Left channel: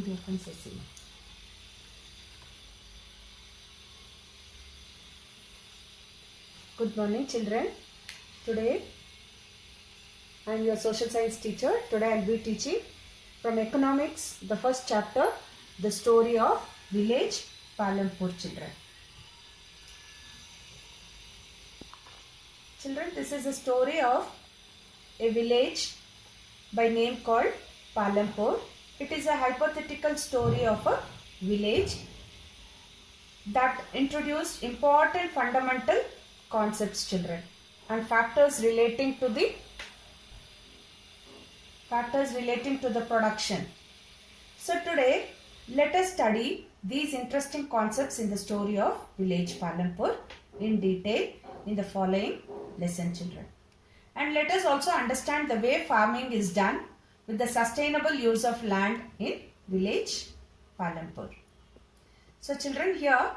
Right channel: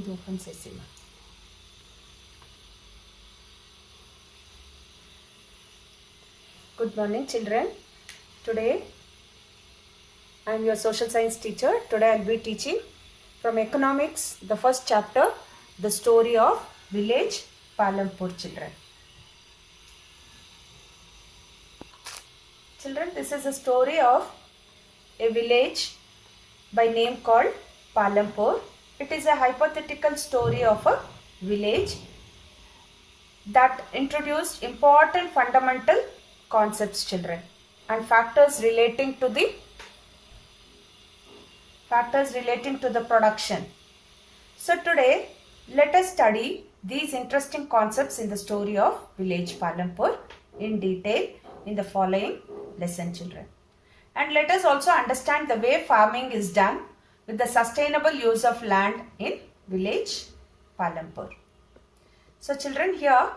ಇದು open ಸೆಸಿಲ್ಲ. Good morning children. Today I am your social science teacher. Today I will be teaching from economics the first chapter, the story of village Palampur children. Children, this is a story of a village by name called Palampur. It is a hypothetical story of a village that introduced important fundamental concepts, children, and factors relating to the production. So today let us study these interesting concepts in the story of village Palampur in detail in the following lesson, children. And let us also understand the way farming is done with the sustainable use of land in village Palampur. So children, here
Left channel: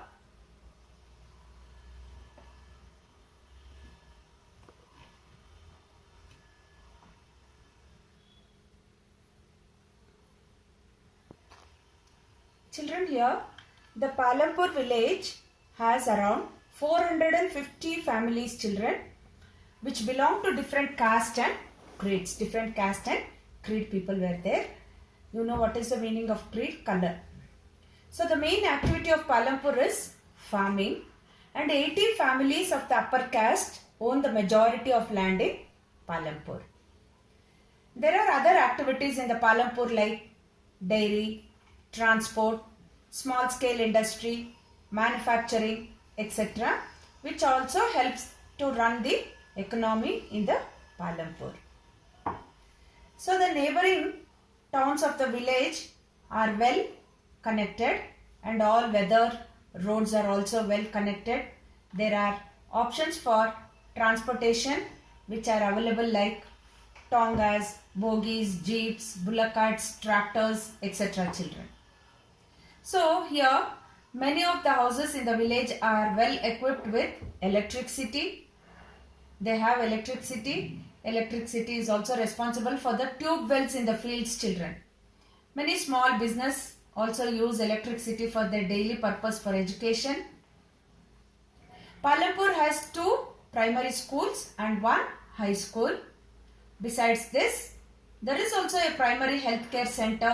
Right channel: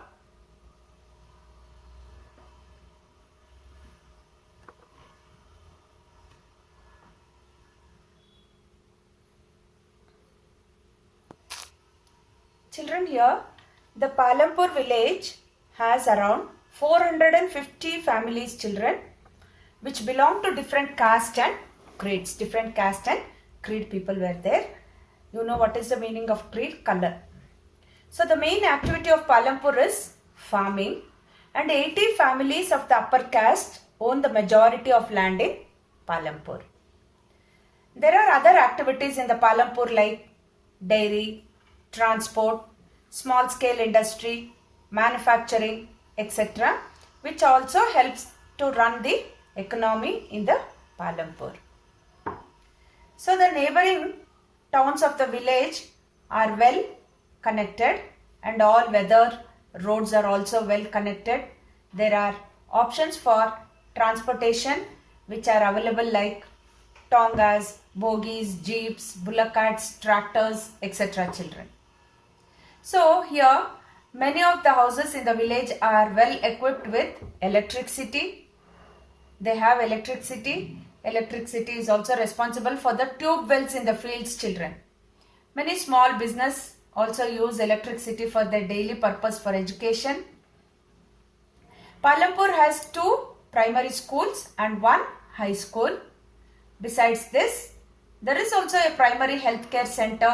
the Palampur village has around 450 families, children, which belong to different caste and creeds. Different caste and creed people were there. You know what is the meaning of creed? Color. So the main activity of Palampur is farming, and 80 families of the upper caste own the majority of land in Palampur. There are other activities in the Palampur like dairy, transport, small scale industry, manufacturing, etc., which also helps to run the economy in the Palampur. So the neighboring towns of the village are well connected, and all weather roads are also well connected. There are options for transportation which are available like tongas, bogies, jeeps, bullock carts, tractors, etc., children. So here many of the houses in the village are well equipped with electricity. They have electricity. Electricity is also responsible for the tube wells in the fields, children. Many small business also use electricity for their daily purpose for education. Palampur has 2 primary schools and 1 high school. Besides this, there is also a primary healthcare center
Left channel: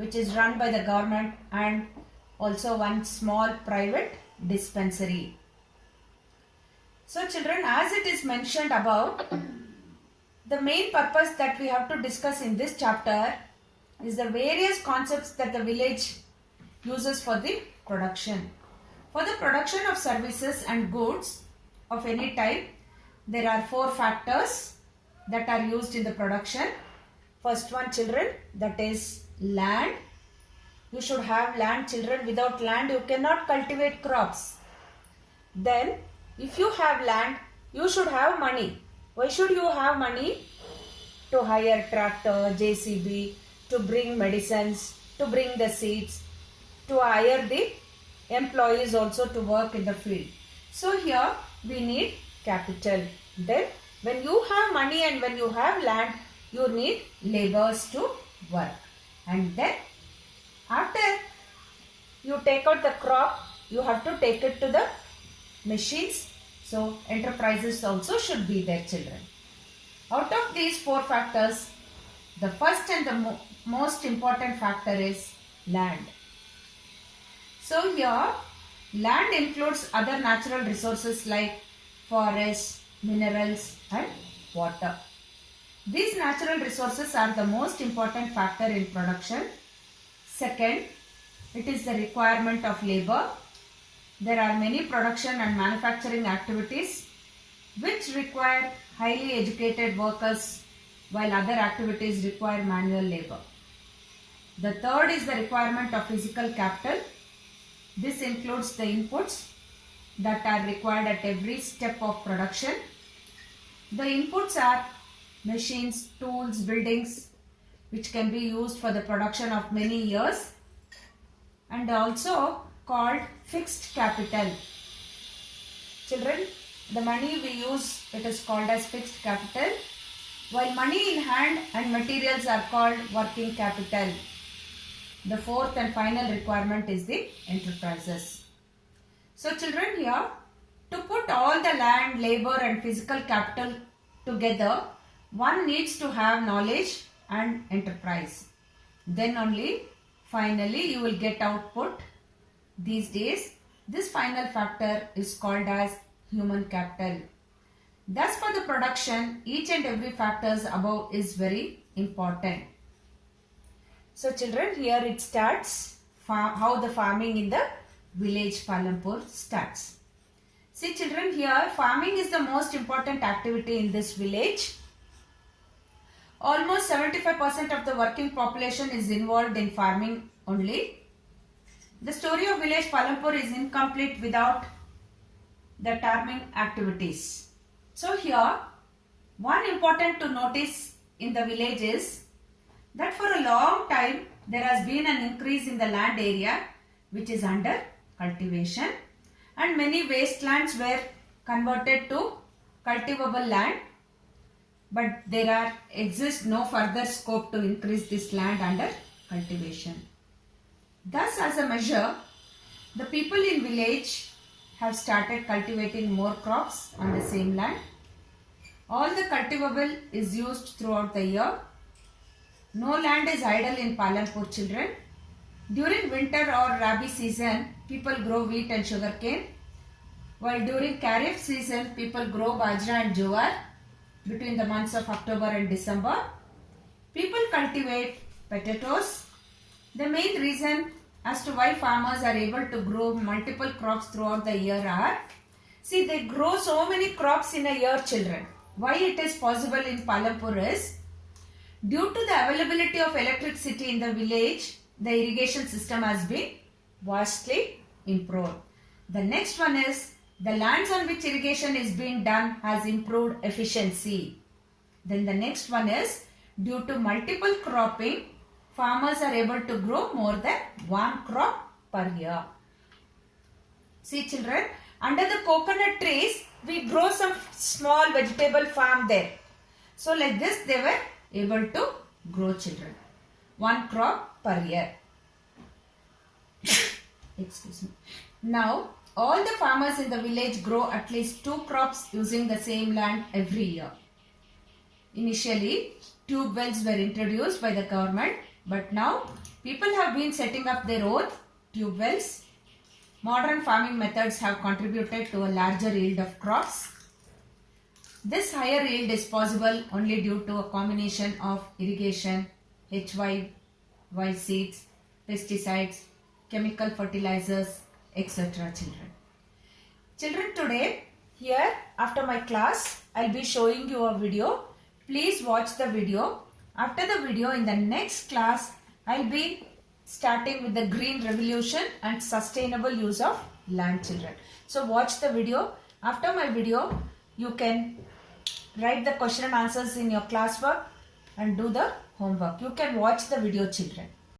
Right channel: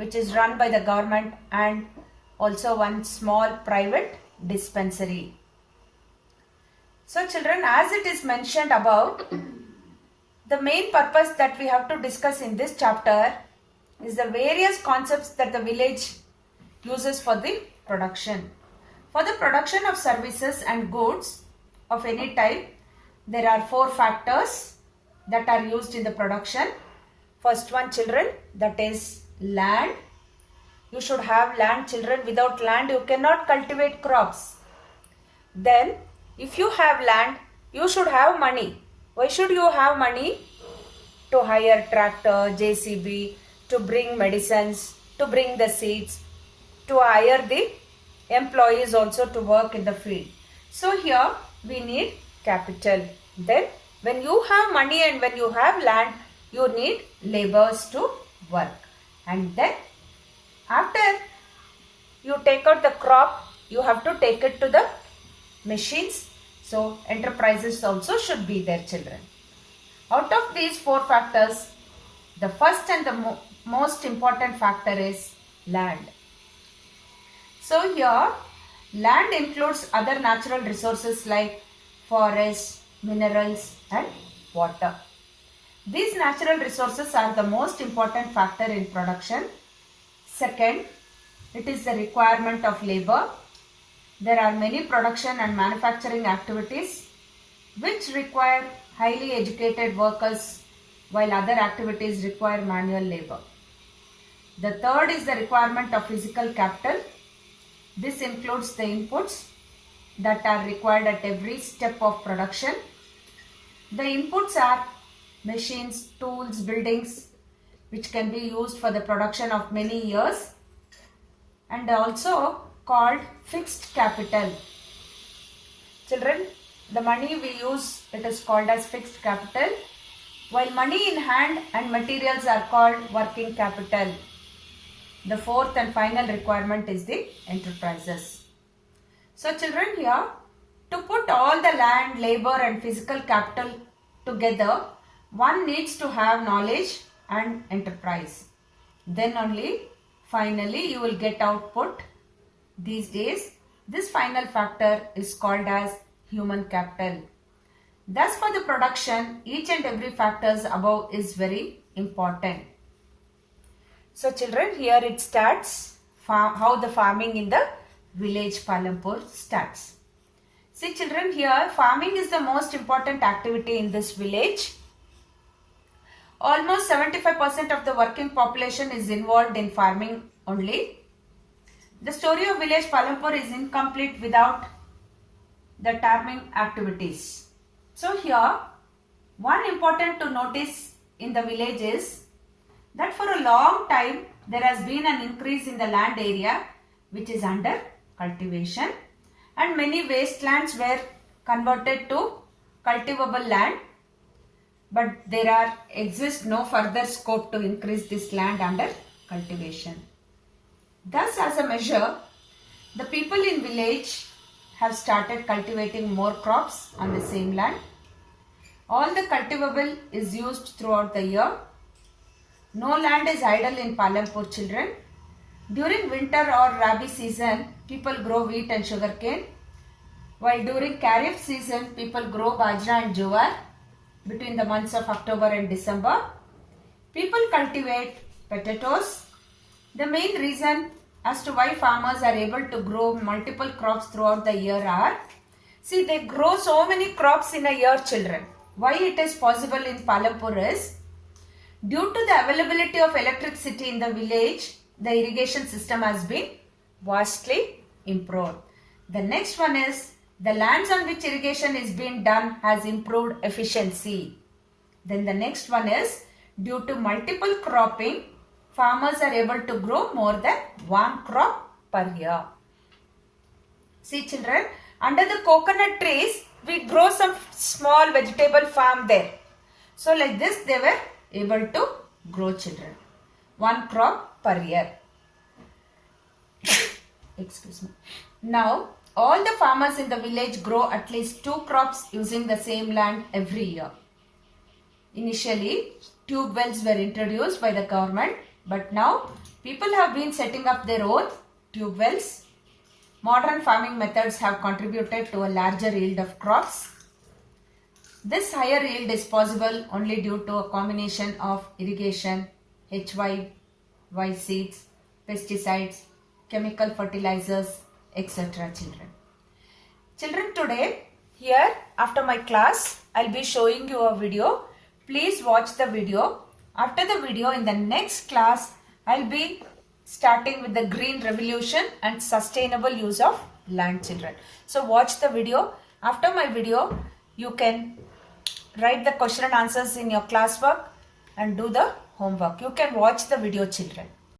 which is run by the government, and also 1 small private dispensary. So children, as it is mentioned above, the main purpose that we have to discuss in this chapter is the various concepts that the village uses for the production. For the production of services and goods of any type, there are 4 factors that are used in the production. First one, children, that is land. You should have land, children. Without land you cannot cultivate crops. Then if you have land, you should have money. Why should you have money? To hire tractor, JCB, to bring medicines, to bring the seeds, to hire the employees also to work in the field. So here we need capital. Then when you have money and when you have land, you need laborers to work. And then after you take out the crop, you have to take it to the machines. So enterprises also should be there, children. Out of these 4 factors, the first and the most important factor is land. So here land includes other natural resources like forests, minerals and water. These natural resources are the most important factor in production. Second, it is the requirement of labor. There are many production and manufacturing activities which require highly educated workers, while other activities require manual labor. The third is the requirement of physical capital. This includes the inputs that are required at every step of production. The inputs are machines, tools, buildings, which can be used for the production of many years, and also called fixed capital. Children, the money we use, it is called as fixed capital, while money in hand and materials are called working capital. The fourth and final requirement is the enterprises. So children, here to put all the land, labor and physical capital together, one needs to have knowledge and enterprise. Then only finally you will get output. These days this final factor is called as human capital. Thus for the production, each and every factors above is very important. So children, here it starts how the farming in the village Palampur starts. See children, here farming is the most important activity in this village. Almost 75% of the working population is involved in farming only. The story of village Palampur is incomplete without the farming activities. So here, one important to notice in the village is that for a long time there has been an increase in the land area which is under cultivation, and many wastelands were converted to cultivable land, but there exists no further scope to increase this land under cultivation. Thus, as a measure, the people in village have started cultivating more crops on the same land. All the cultivable is used throughout the year. No land is idle in Palampur, children. During winter or rabi season, people grow wheat and sugarcane, while during Kharif season, people grow bajra and jowar. Between the months of October and December, people cultivate potatoes. The main reason as to why farmers are able to grow multiple crops throughout the year are, see, they grow so many crops in a year, children. Why it is possible in Palampur is, due to the availability of electricity in the village, the irrigation system has been vastly improved. The next one is, the lands on which irrigation is being done has improved efficiency. Then the next one is, due to multiple cropping, farmers are able to grow more than one crop per year. See children, under the coconut trees, we grow some small vegetable farm there. So like this they were able to grow, children, one crop per year. Excuse me. Now, all the farmers in the village grow at least 2 crops using the same land every year. Initially, tube wells were introduced by the government, but now people have been setting up their own tube wells. Modern farming methods have contributed to a larger yield of crops. This higher yield is possible only due to a combination of irrigation, HY seeds, pesticides, chemical fertilizers, etc. Children, today here after my class, I'll be showing you a video. Please watch the video. After the video, in the next class, I'll be starting with the green revolution and sustainable use of land, children. So watch the video. After my video, you can write the question and answers in your classwork and do the homework. You can watch the video, children.